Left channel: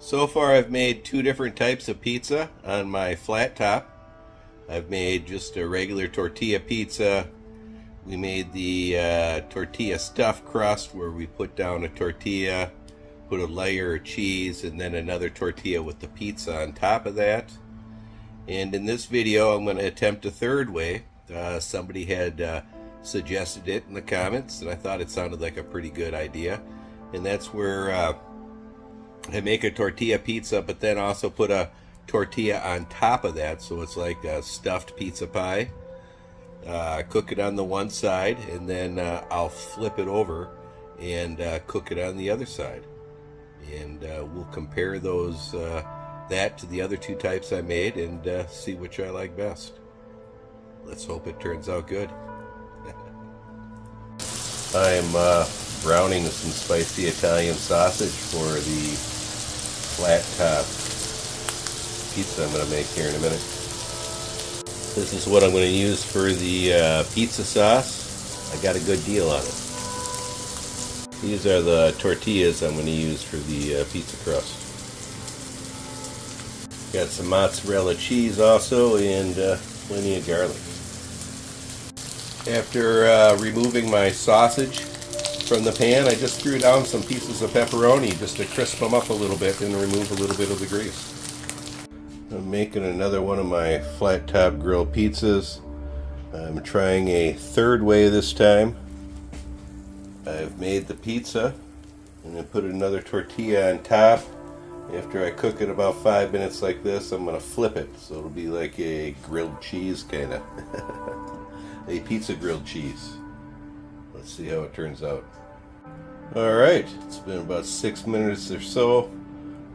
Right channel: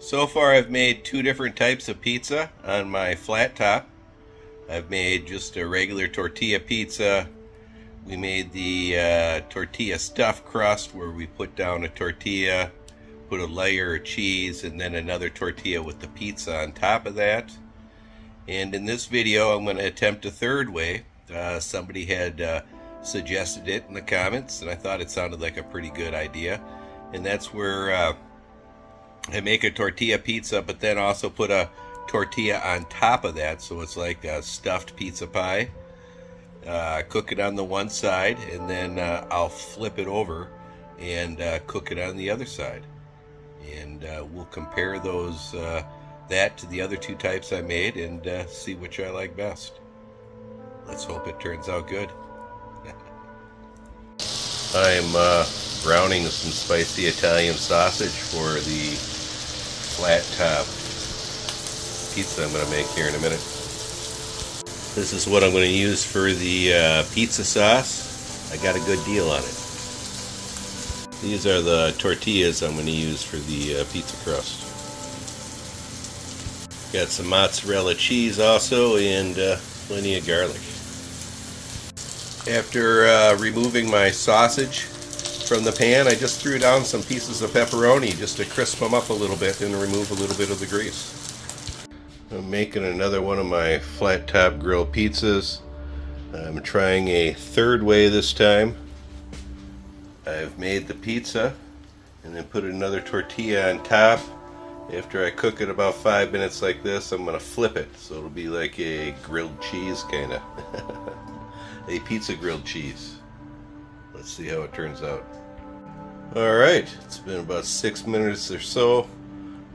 So far I've made two different types of pizza on my flat top. I've made just a regular tortilla pizza. We made the tortilla stuffed crust where we put down a tortilla, put a layer of cheese, and then another tortilla with the pizza on top of that. And in this video I'm going to attempt a third way. Somebody had suggested it in the comments and I thought it sounded like a pretty good idea. And that's where I make a tortilla pizza, but then also put a tortilla on top of that, so it's like a stuffed pizza pie. Cook it on the one side, and then I'll flip it over and cook it on the other side. And we'll compare those that to the other two types I made and see which I like best. Let's hope it turns out good. I'm browning some spicy Italian sausage for the flat top pizza I'm going to make here in a minute. This is what I'm going to use for the pizza sauce. I got a good deal on it. These are the tortillas I'm going to use for the pizza crust. Got some mozzarella cheese also, and plenty of garlic. After removing my sausage from the pan, I just threw down some pieces of pepperoni just to crisp them up a little bit and remove a little bit of the grease. I'm making another one of my flat top grill pizzas. I'm trying a third way this time. I've made the pizza and then put another tortilla on top. After I cook it about 5 minutes like this, I'm going to flip it so it'll be like a grilled cheese kind of. A pizza grilled cheese. Let's see how it turns out. Alright, it's been about 6 minutes or so.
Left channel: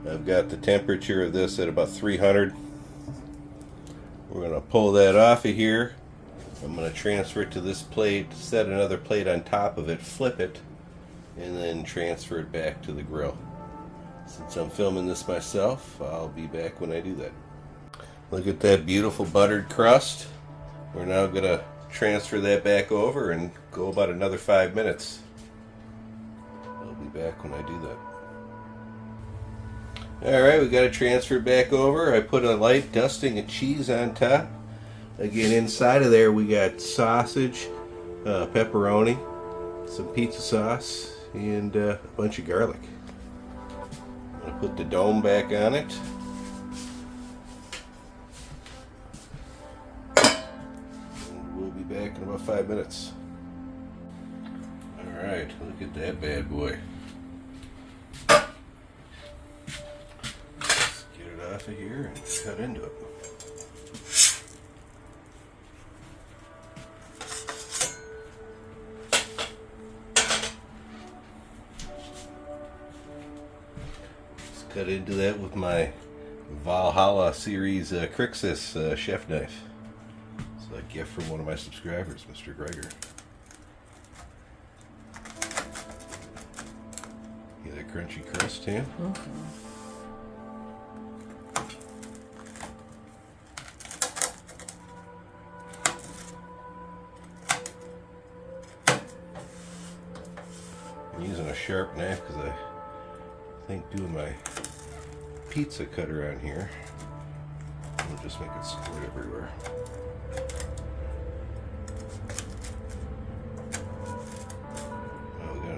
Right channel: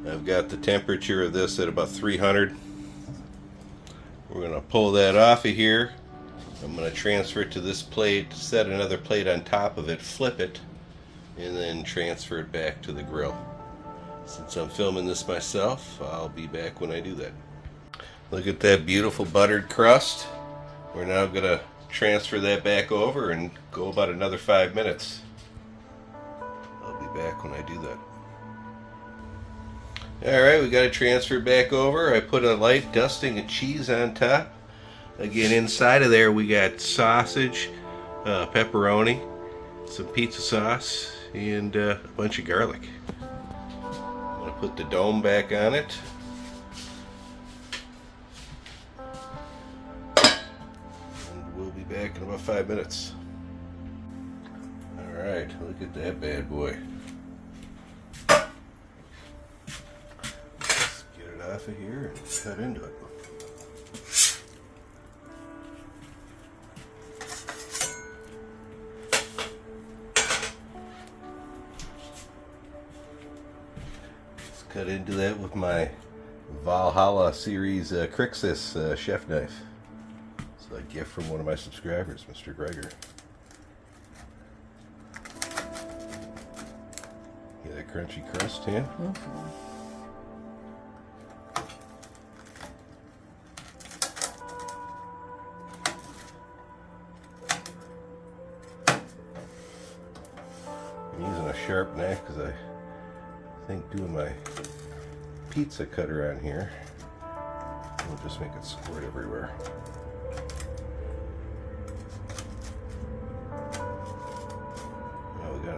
I've got the temperature of this at about 300. We're going to pull that off of here. I'm going to transfer it to this plate, set another plate on top of it, flip it, and then transfer it back to the grill. Since I'm filming this myself, I'll be back when I do that. Look at that beautiful buttered crust. We're now going to transfer that back over and go about another 5 minutes. I'll be back when I do that. Alright, we got to transfer back over. I put a light dusting of cheese on top. Again, inside of there we got sausage, pepperoni, some pizza sauce, and a bunch of garlic. I'm going to put the dome back on it. We'll be back in about 5 minutes. Alright, look at that bad boy. Let's get it off of here and cut into it. Let's cut into that with my Valhalla series Crixus chef knife. A gift from one of my subscribers, Mr. Gregor. Get that crunchy crust, Tam? I'm using a sharp knife because I think doing my pizza cutter on here will just make it squirt everywhere.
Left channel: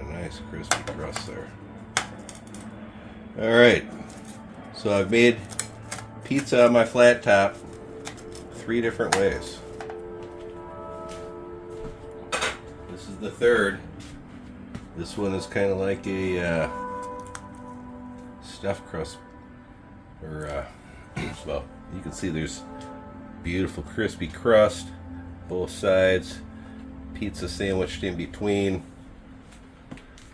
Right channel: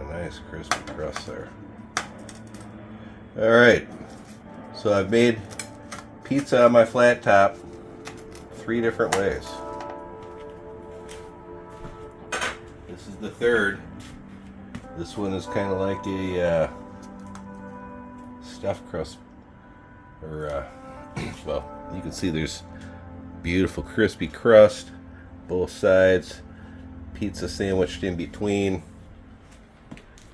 Nice crispy crust there. Alright, so I've made pizza on my flat top 3 different ways. This is the third. This one is kind of like a stuffed crust, or well, you can see there's beautiful crispy crust, both sides, pizza sandwiched in between.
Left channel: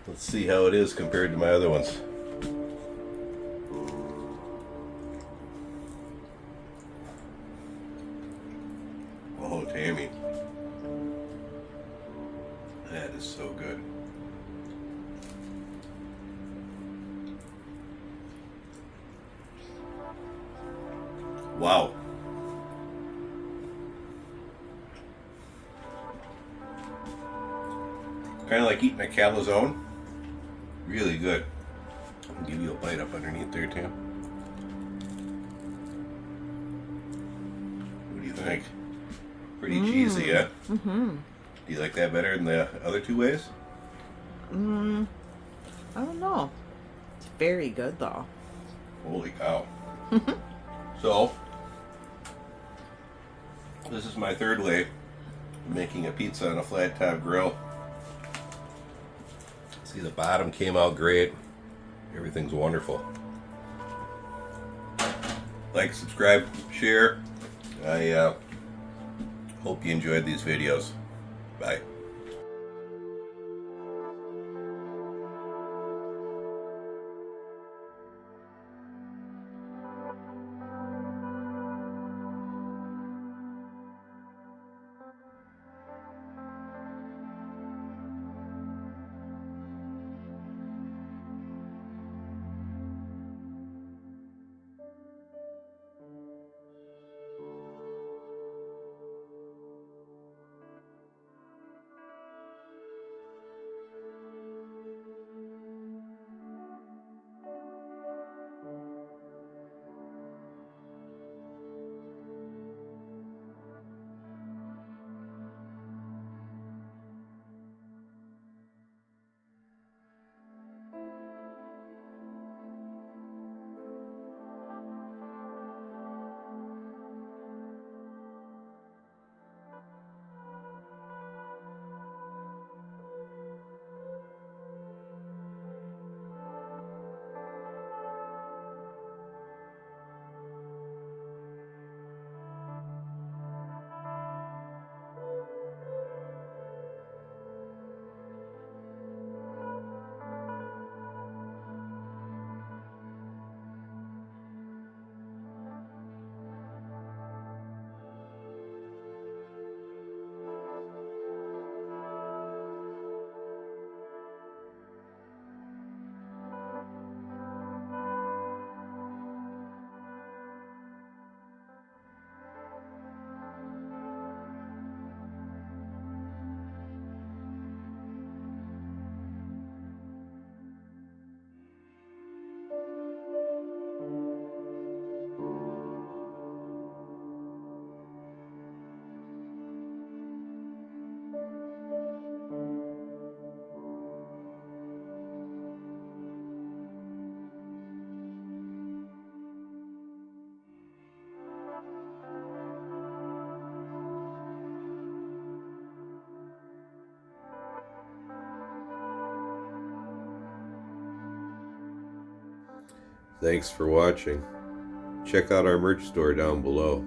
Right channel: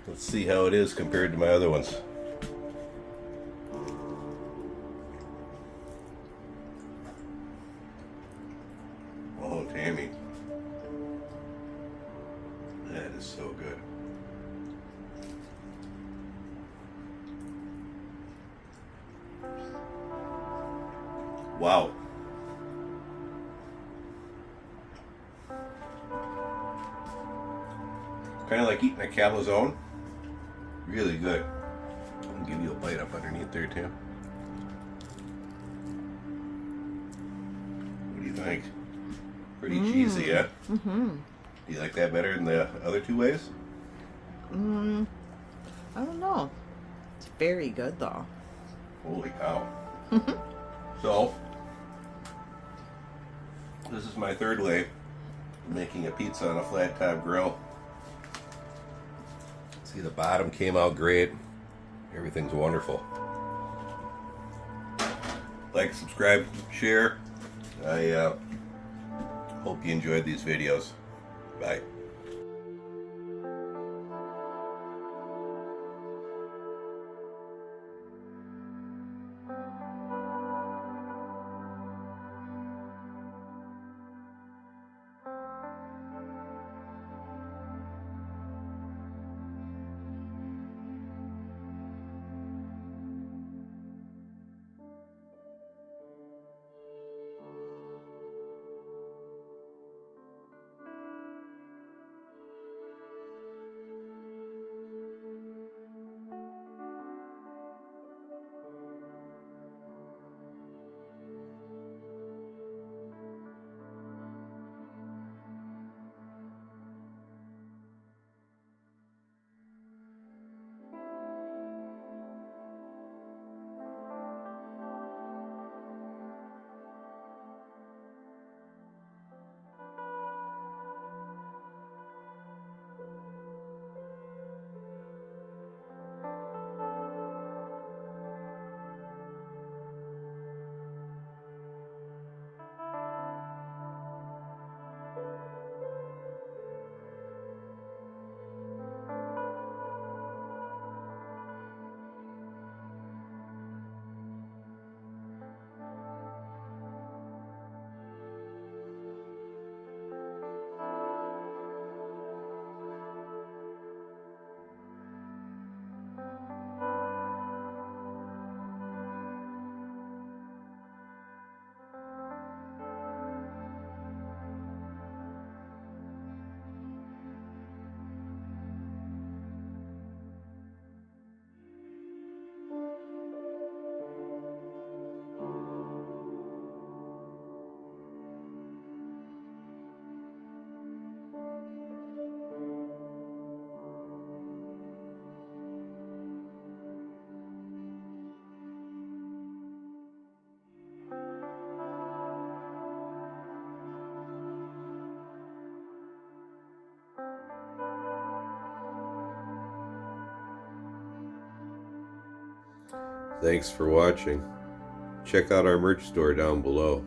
Let's see how it is compared to my other ones. Oh, Tammy. That is so good. Wow. Kind of like eating a calzone. Really good. I'll give you a bite up underneath there, Tim. What do you think? Pretty cheesy, yeah? Mm-hmm. Do you like that better than the other two ways? I don't know. It's very good though. Holy cow. So, this is my third way of making a pizza on a flat top grill. See, the bottom came out great. Everything's wonderful. Like, subscribe, share. I hope you enjoyed these videos. Bye. Thanks for watching. Check out our merch store down below.